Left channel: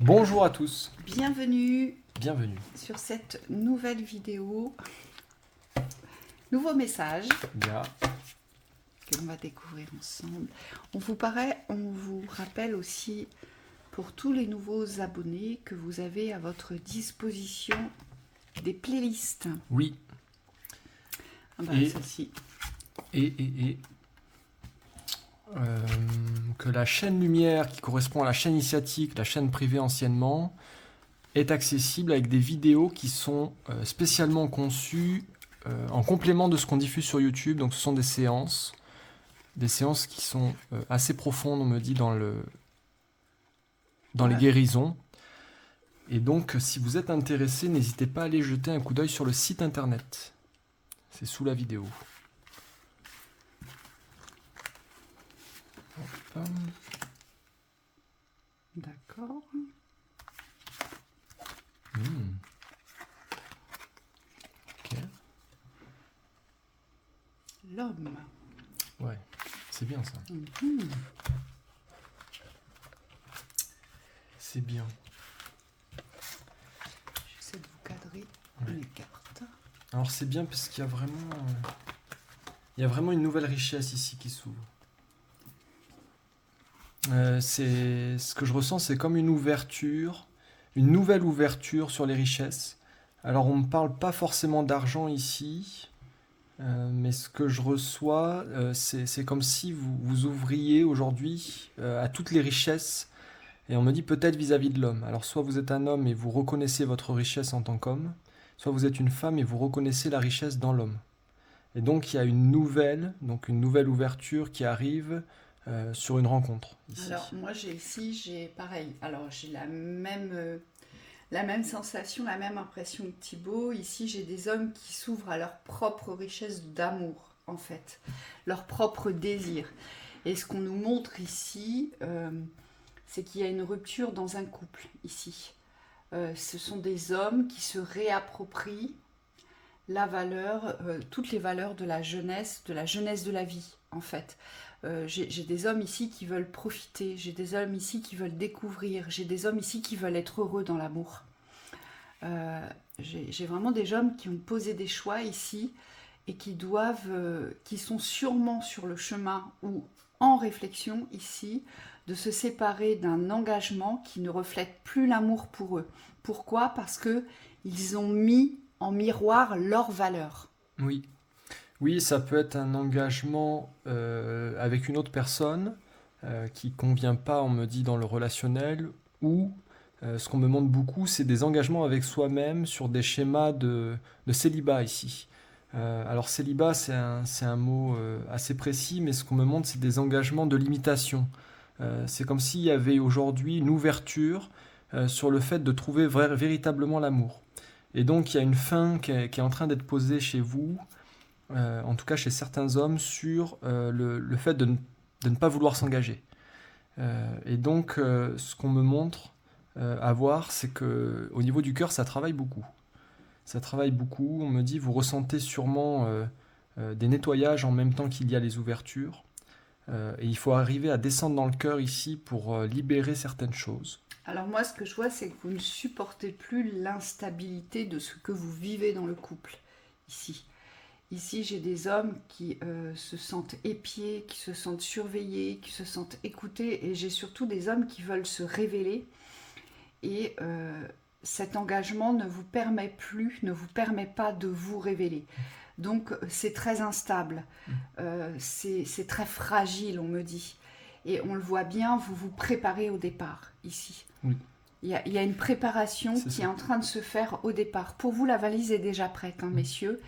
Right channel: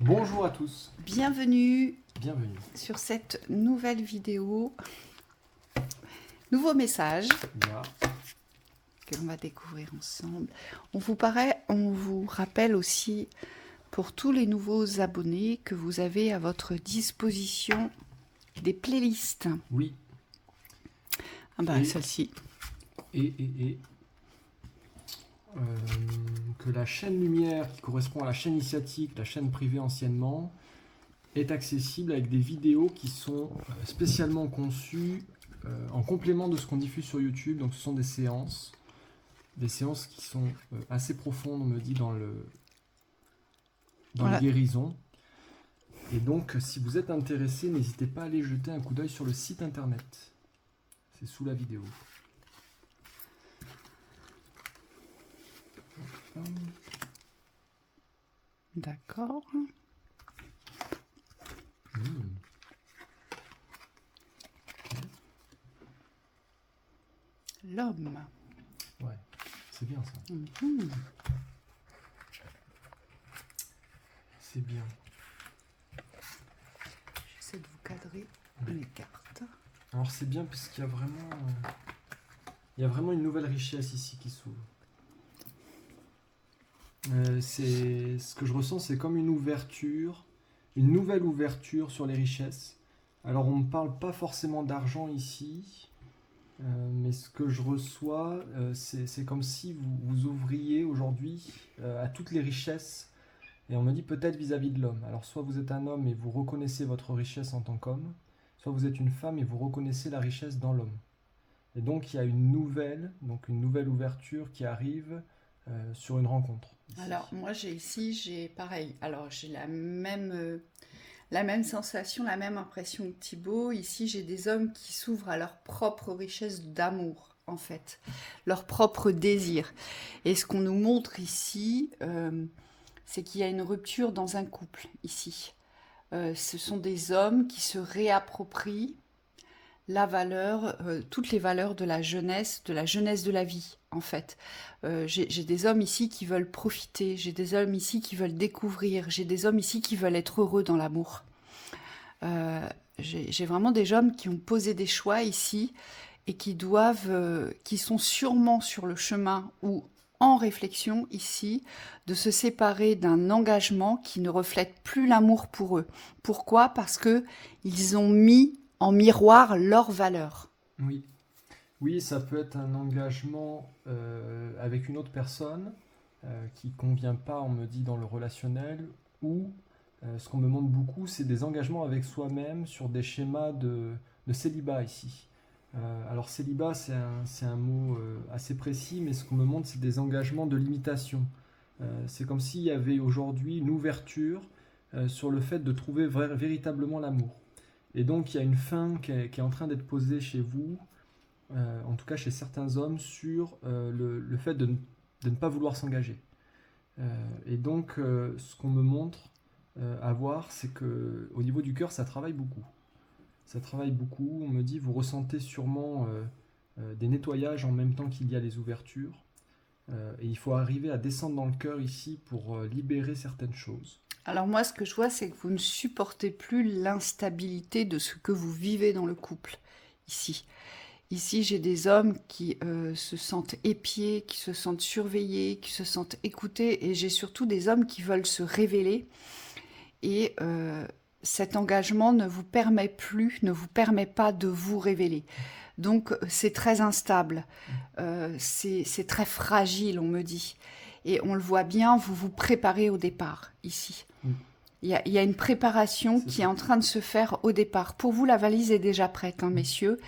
Bonjour à tous, Bienvenue bienvenue. sur cette nouvelle vidéo. Nouveau message Ya. que l'on va découvrir ensemble. On vous rappelle aussi pour tous les nouveaux abonnés que vous avez à votre disposition des playlists. Oui, Ah bah, Et- celle-ci. et que la chaîne Lumière, qui correspond à la chaîne initiatique, la chaîne privée anciennement, est accessible avec des vidéos qui sont spécialement conçues en complément de ce qu'on diffuse sur YouTube. Donc ce sont des séances qui sont assez profondes, on me dit, dans les Ouais. guérisons. Et donc, si vous êtes intéressé, n'hésitez pas à aller jeter un coup d'œil sur le site internet. C'est sous la vidéo. Hop. D'accord. Ok. L'homme. Ouais, c'est bien ça. Mhm. C'est bien. J'essaie de vous cadrer Ouais. les cartes. Alors c'est bien parce qu'il y a vraiment une nouvelle richesse ici qui s'ouvre. C'est ce que je ressens, c'est comme une nouvelle ouverture sur les richesses. Alors on ne parle pas forcément d'argent ici, mais ce que je reçois, c'est comme si vous ouvriez aujourd'hui à toutes les richesses. Et on me dit peut-être vis-à-vis de l'homme. Alors soit vous êtes un homme et vous reconnaissez votre richesse en tant qu'homme, soit vous êtes une femme et vous reconnaissez la richesse dans l'homme. Et donc il y a une nouvelle ouverture qui arrive sur une rencontre ici. Alors moi j'ai pareil. Alors j'ai la même sensation, la même impression que Thibaut. Ici j'ai des hommes qui s'ouvrent à leur propre richesse d'amour en fait, leur propre désir. Et ce qu'on nous montre ici, c'est qu'il y a une rupture dans un couple ici. Ce sont des hommes qui se réapproprient toutes les valeurs de la jeunesse de la vie, en fait. J'ai des hommes ici qui veulent profiter, j'ai des hommes ici qui veulent découvrir, j'ai des hommes ici qui veulent être heureux dans l'amour. J'ai vraiment des hommes qui ont posé des choix ici et qui sont sûrement sur le chemin ou en réflexion ici de se séparer d'un engagement qui ne reflète plus l'amour pour eux. Pourquoi ? Parce que ils ont mis en miroir leurs valeurs. Oui. Oui, ça peut être un engagement avec une autre personne qui convient pas, on me dit, dans le relationnel, ou ce qu'on me montre beaucoup, c'est des engagements avec soi-même sur des schémas de célibat ici. Alors célibat, c'est un mot assez précis, mais ce qu'on me montre, c'est des engagements de limitation. C'est comme s'il y avait aujourd'hui une ouverture sur le fait de trouver véritablement l'amour. Et donc il y a une fin qui est en train d'être posée chez vous, en tout cas chez certains hommes, sur le fait de ne pas vouloir s'engager. Et donc, ce qu'on me montre à voir, c'est que au niveau du cœur, ça travaille beaucoup. Ça travaille beaucoup. On me dit, vous ressentez sûrement des nettoyages en même temps qu'il y a les ouvertures. Et il faut arriver à descendre dans le cœur ici pour libérer certaines choses. Alors moi, ce que je vois, c'est que vous ne supportez plus l'instabilité de ce que vous vivez dans le couple ici. Ici, j'ai des hommes qui se sentent épiés, qui se sentent surveillés, qui se sentent écoutés, et j'ai surtout des hommes qui veulent se révéler. Et cet engagement ne vous permet pas de vous révéler. Donc, c'est très instable, c'est très fragile, on me dit. Et on le voit bien, vous vous préparez au départ, ici. Oui. Il y a une préparation C'est qui ça. est en train de se faire au départ. Pour vous, la valise est déjà prête, hein, messieurs.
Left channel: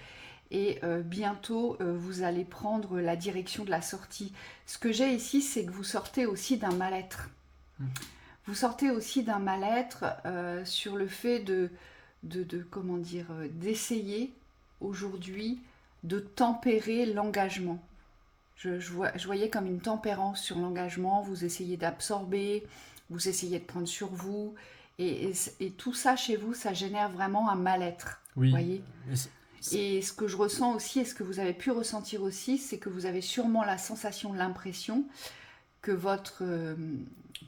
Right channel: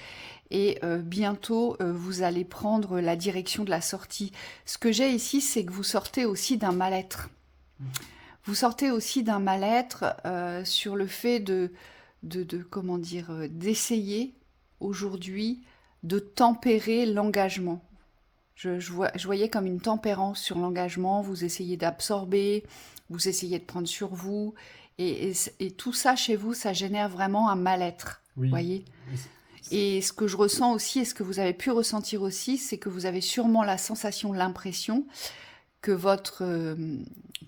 Et bientôt, vous allez prendre la direction de la sortie. Ce que j'ai ici, c'est que vous sortez aussi d'un mal-être. Vous sortez aussi d'un mal-être sur le fait comment dire, d'essayer aujourd'hui de tempérer l'engagement. Je voyais comme une tempérance sur l'engagement. Vous essayez d'absorber, vous essayez de prendre sur vous. Et tout ça, chez vous, ça génère vraiment un mal-être. Oui. Voyez ? Et ce que je ressens aussi, et ce que vous avez pu ressentir aussi, c'est que vous avez sûrement la sensation, l'impression que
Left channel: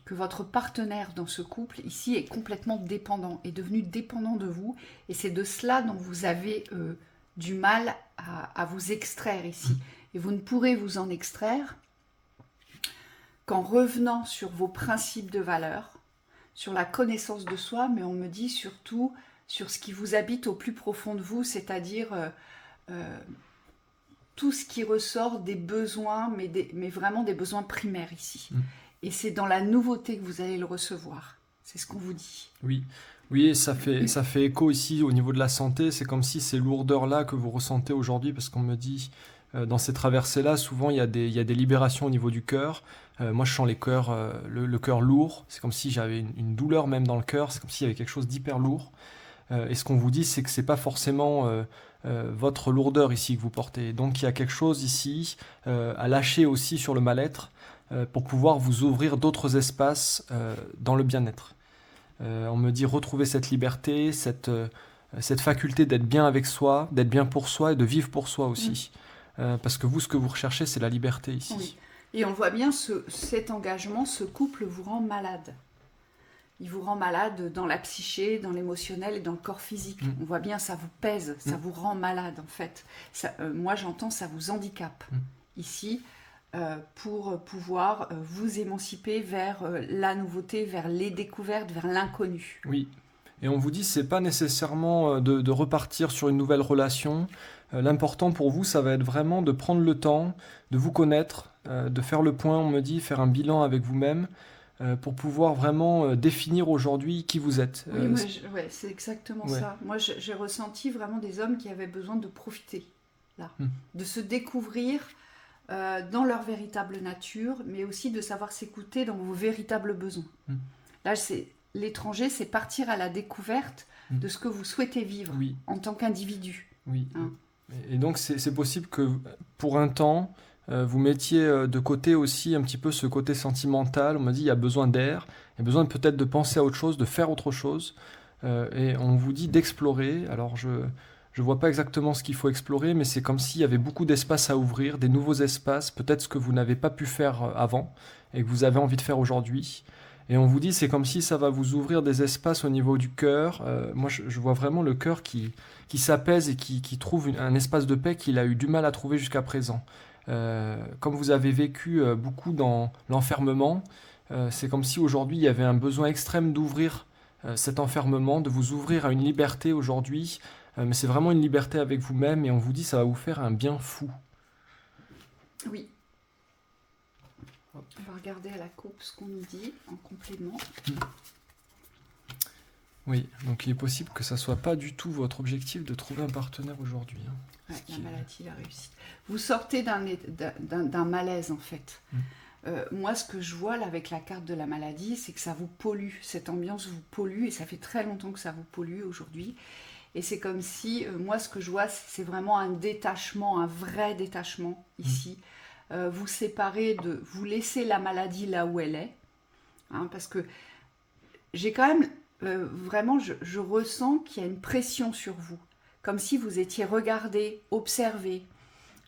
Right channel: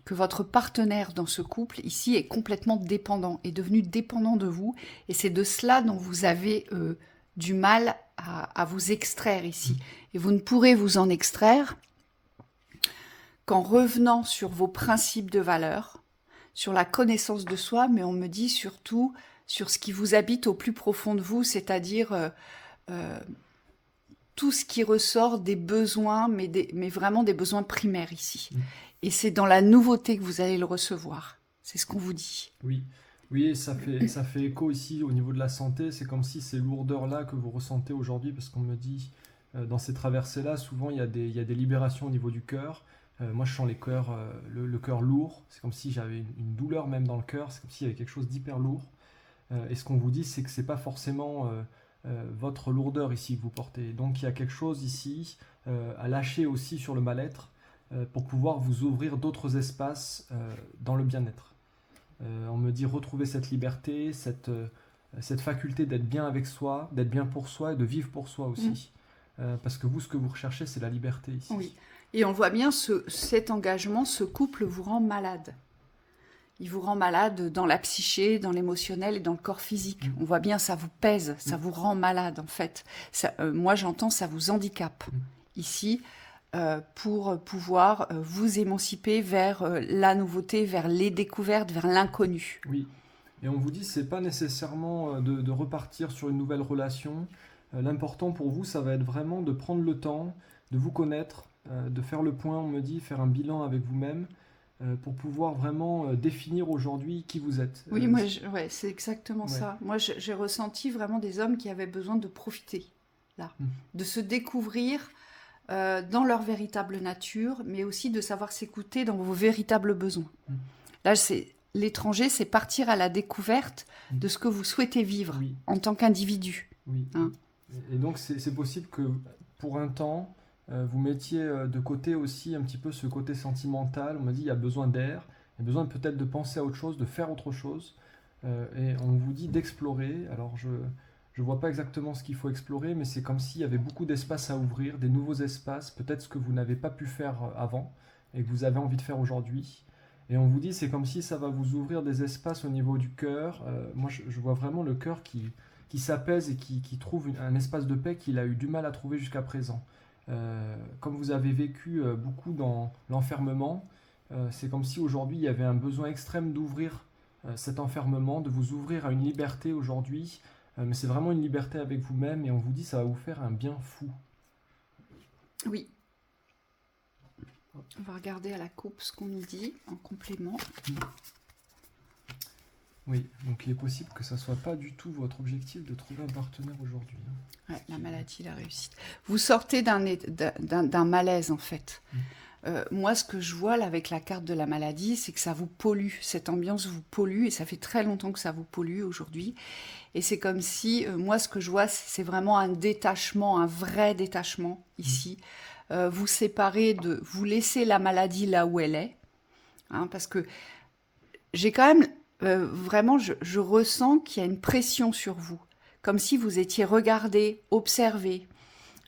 que votre partenaire dans ce couple, ici, est complètement dépendant, est devenu dépendant de vous. Et c'est de cela dont vous avez du mal à vous extraire ici. Et vous ne pourrez vous en extraire qu'en revenant sur vos principes de valeur, sur la connaissance de soi, mais on me dit surtout sur ce qui vous habite au plus profond de vous, c'est-à-dire tout ce qui ressort des besoins, mais vraiment des besoins primaires ici. Et c'est dans la nouveauté que vous allez le recevoir. C'est ce qu'on vous dit. Oui, oui, et ça fait écho ici au niveau de la santé. C'est comme si ces lourdeurs-là que vous ressentez aujourd'hui, parce qu'on me dit, dans ces traversées-là, souvent il y a des libérations au niveau du cœur. Moi, je sens le cœur lourd. C'est comme si j'avais une douleur même dans le cœur. C'est comme s'il y avait quelque chose d'hyper lourd. Et ce qu'on vous dit, c'est que c'est pas forcément votre lourdeur ici que vous portez. Donc, il y a quelque chose ici à lâcher aussi sur le mal-être pour pouvoir vous ouvrir d'autres espaces dans le bien-être. On me dit retrouver cette liberté, cette faculté d'être bien avec soi, d'être bien pour soi et de vivre pour soi aussi. Parce que vous, ce que vous recherchez, c'est la liberté ici. Oui. Et on voit bien cet engagement, ce couple vous rend malade. Il vous rend malade dans la psyché, dans l'émotionnel et dans le corps physique. On voit bien, ça vous pèse, ça vous rend malade en fait. Moi j'entends, ça vous handicape ici pour pouvoir vous émanciper vers la nouveauté, vers les découvertes, vers l'inconnu. Oui, et on vous dit, c'est pas nécessairement de repartir sur une nouvelle relation. L'important pour vous, ça va être vraiment de prendre le temps, de vous connaître, de faire le point, on me dit, faire un bilan avec vous-même, pour pouvoir vraiment définir aujourd'hui qui vous êtes. Oui, moi, c'est exactement ça. Moi, j'ai ressenti vraiment des hommes qui avaient besoin de profiter, là, de se découvrir dans leur véritable nature, mais aussi de savoir s'écouter dans vos véritables besoins. Là, l'étranger, c'est partir à la découverte de ce que vous souhaitez vivre en tant qu'individu. Oui. Et donc, c'est possible que pour un temps, vous mettiez de côté aussi un petit peu ce côté sentimental. On m'a dit il y a besoin d'air, il y a besoin peut-être de penser à autre chose, de faire autre chose. Et on vous dit d'explorer. Alors je ne vois pas exactement ce qu'il faut explorer, mais c'est comme s'il y avait beaucoup d'espace à ouvrir, des nouveaux espaces, peut-être ce que vous n'avez pas pu faire avant et que vous avez envie de faire aujourd'hui. Et on vous dit c'est comme si ça va vous ouvrir des espaces au niveau du cœur. Moi je vois vraiment le cœur qui s'apaise et qui trouve un espace de paix qu'il a eu du mal à trouver jusqu'à présent. Comme vous avez vécu beaucoup dans l'enfermement, c'est comme si aujourd'hui il y avait un besoin extrême d'ouvrir cet enfermement, de vous ouvrir à une liberté aujourd'hui, mais c'est vraiment une liberté avec vous-même et on vous dit ça va vous faire un bien fou. Oui. On va regarder à la coupe ce qu'on nous dit en complément. Oui, donc il est possible que ça ne soit pas du tout votre objectif de trouver un partenaire aujourd'hui. Ouais, la maladie, la réussite. Vous sortez d'un malaise en fait. Moi, ce que je vois là avec la carte de la maladie, c'est que ça vous pollue. Cette ambiance vous pollue et ça fait très longtemps que ça vous pollue aujourd'hui. Et c'est comme si, moi, ce que je vois, c'est vraiment un détachement, un vrai détachement ici. Vous séparez vous laissez la maladie là où elle est. Parce que j'ai quand même... vraiment, je ressens qu'il y a une pression sur vous, comme si vous étiez regardé, observé,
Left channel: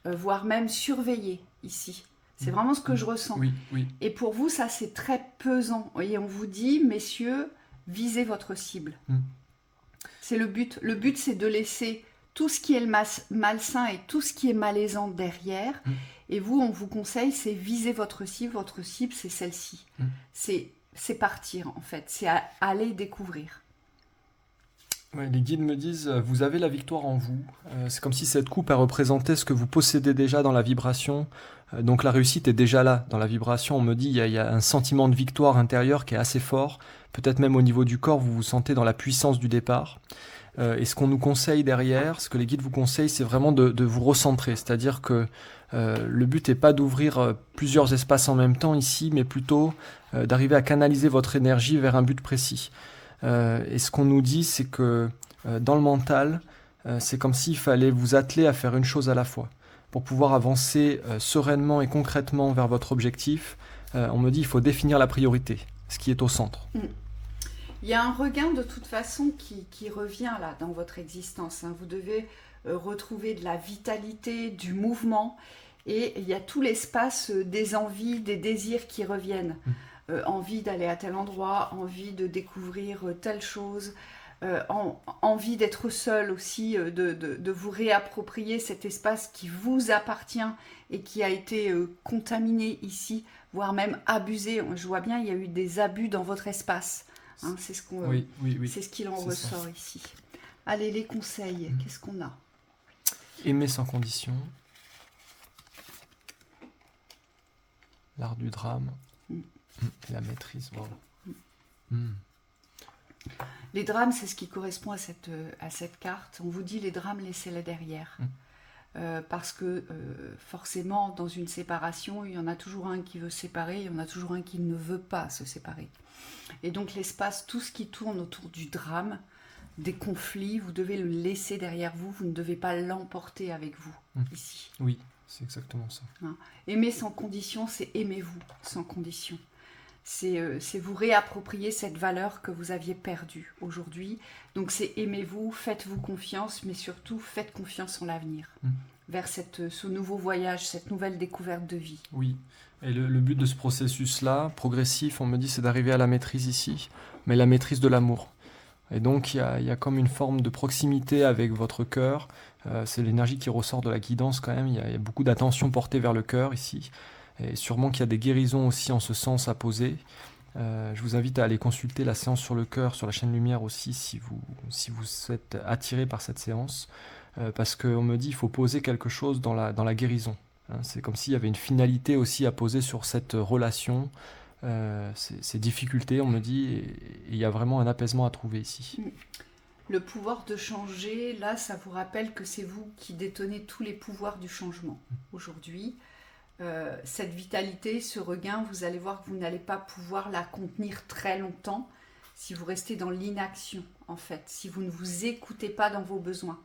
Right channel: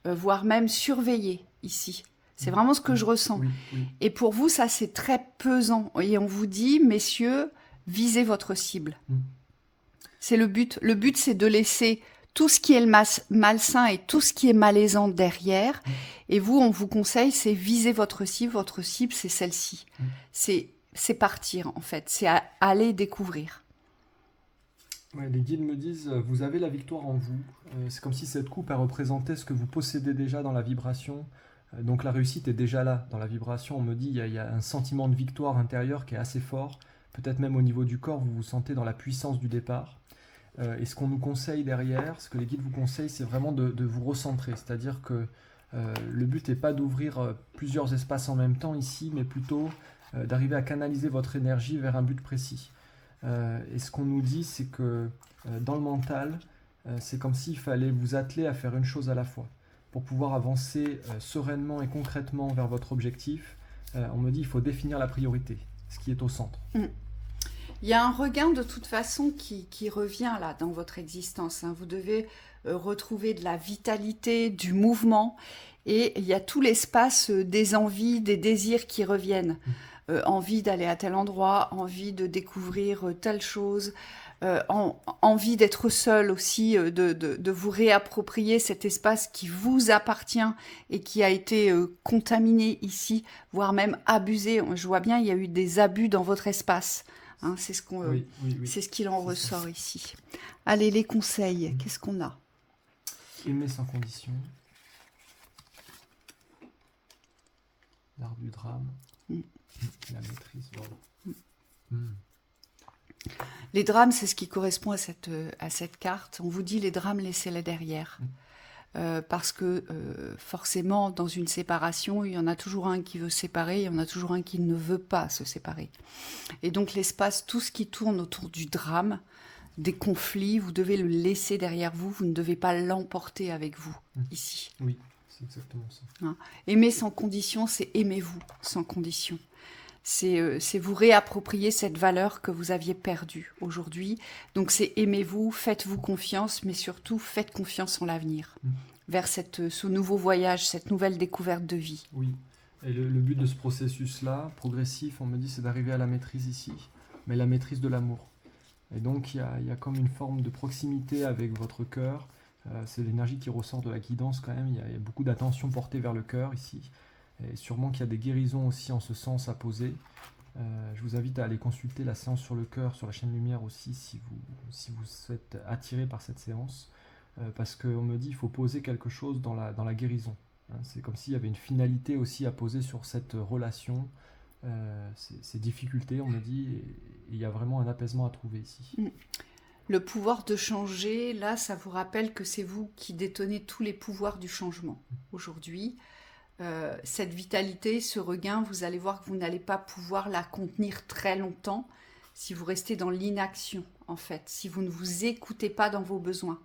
voire même surveillé ici. C'est vraiment ce que je ressens. Oui. Et pour vous, ça, c'est très pesant. Et on vous dit, messieurs, visez votre cible. C'est le but. Le but, c'est de laisser tout ce qui est le malsain et tout ce qui est malaisant derrière. Et vous, on vous conseille, c'est viser votre cible. Votre cible, c'est celle-ci. C'est partir, en fait. C'est aller découvrir. Ouais, les guides me disent, vous avez la victoire en vous. C'est comme si cette coupe a représenté ce que vous possédez déjà dans la vibration. Donc la réussite est déjà là, dans la vibration. On me dit, il y a un sentiment de victoire intérieure qui est assez fort. Peut-être même au niveau du corps, vous vous sentez dans la puissance du départ. Et ce qu'on nous conseille derrière, ce que les guides vous conseillent, c'est vraiment de vous recentrer. C'est-à-dire que le but n'est pas d'ouvrir plusieurs espaces en même temps ici, mais plutôt d'arriver à canaliser votre énergie vers un but précis. Et ce qu'on nous dit, c'est que dans le mental, c'est comme s'il fallait vous atteler à faire une chose à la fois. Pour pouvoir avancer sereinement et concrètement vers votre objectif, on me dit qu'il faut définir la priorité, ce qui est au centre. Il y a un regain de toute façon qui revient là dans votre existence. Vous devez retrouver de la vitalité, du mouvement, et il y a tout l'espace des envies, des désirs qui reviennent. envie d'aller à tel endroit, envie de découvrir telle chose, envie d'être seul aussi, de vous réapproprier cet espace qui vous appartient et qui a été contaminé ici, voire même abusé. Je vois bien, il y a eu des abus dans votre espace. Hein, c'est Oui, ce qu'il en c'est ça. ressort ici. Allez, les conseils, qu'est-ce qu'on a? Aimer sans condition. L'art du drame. La maîtrise, voilà. Les drames, c'est ce qui correspond à cette carte. On vous dit les drames, laissez-les derrière. Parce que forcément, dans une séparation, il y en a toujours un qui veut se séparer, il y en a toujours un qui ne veut pas se séparer. Et donc l'espace, tout ce qui tourne autour du drame, des conflits, vous devez le laisser derrière vous, vous ne devez pas l'emporter avec vous, ici. Oui, c'est exactement ça. Hein. Aimer sans condition, c'est aimez-vous sans condition. C'est vous réapproprier cette valeur que vous aviez perdue aujourd'hui. Donc c'est aimez-vous, faites-vous confiance, mais surtout faites confiance en l'avenir, vers ce nouveau voyage, cette nouvelle découverte de vie. Oui, et le but de ce processus-là, progressif, on me dit, c'est d'arriver à la maîtrise ici, mais la maîtrise de l'amour. Et donc il y a comme une forme de proximité avec votre cœur. C'est l'énergie qui ressort de la guidance quand même. Il y a beaucoup d'attention portée vers le cœur ici. Et sûrement qu'il y a des guérisons aussi en ce sens à poser. Je vous invite à aller consulter la séance sur le cœur, sur la chaîne Lumière aussi, si vous êtes attiré par cette séance. Parce qu'on me dit qu'il faut poser quelque chose dans la guérison. Hein, c'est comme s'il y avait une finalité aussi à poser sur cette relation, ces difficultés, on me dit, et il y a vraiment un apaisement à trouver ici. Le pouvoir de changer, là, ça vous rappelle que c'est vous qui détenez tous les pouvoirs du changement aujourd'hui. Cette vitalité, ce regain, vous allez voir que vous n'allez pas pouvoir la contenir très longtemps si vous restez dans l'inaction, en fait, si vous ne vous écoutez pas dans vos besoins.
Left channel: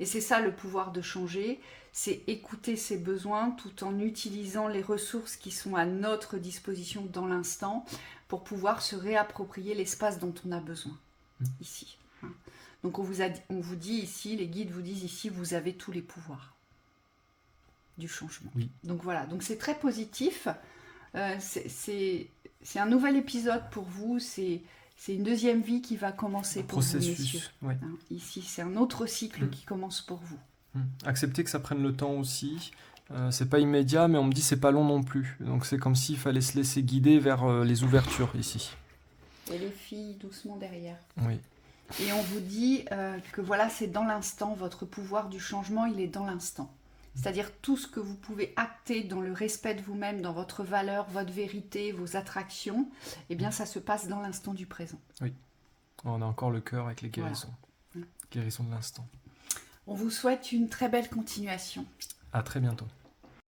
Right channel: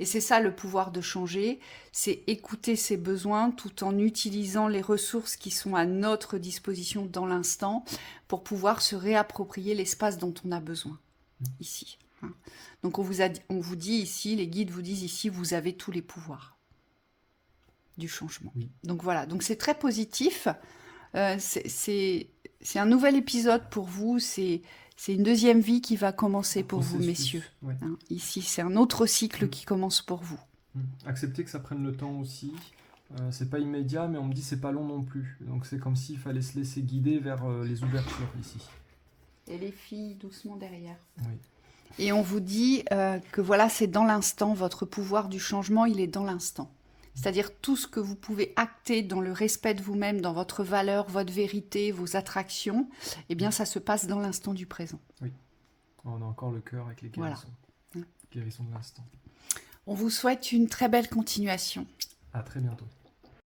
Et c'est ça le pouvoir de changer, c'est écouter ses besoins tout en utilisant les ressources qui sont à notre disposition dans l'instant pour pouvoir se réapproprier l'espace dont on a besoin, ici. Donc on vous dit ici, les guides vous disent ici, vous avez tous les pouvoirs du changement. Oui. Donc voilà, donc c'est très positif. C'est un nouvel épisode pour vous, c'est une deuxième vie qui va commencer pour vous, messieurs. Oui. Hein, ici, c'est un autre cycle qui commence pour vous. Accepter que ça prenne le temps aussi. C'est pas immédiat, mais on me dit c'est pas long non plus. Donc c'est comme s'il fallait se laisser guider vers les ouvertures ici. Et les filles doucement derrière. Oui. Et on vous dit que voilà, c'est dans l'instant, votre pouvoir du changement, il est dans l'instant. C'est-à-dire tout ce que vous pouvez acter dans le respect de vous-même, dans votre valeur, votre vérité, vos attractions, eh bien ça se passe dans l'instant du présent. Oui. On a encore le cœur avec les guérisons. Voilà. Guérison de l'instant. On vous souhaite une très belle continuation. À très bientôt.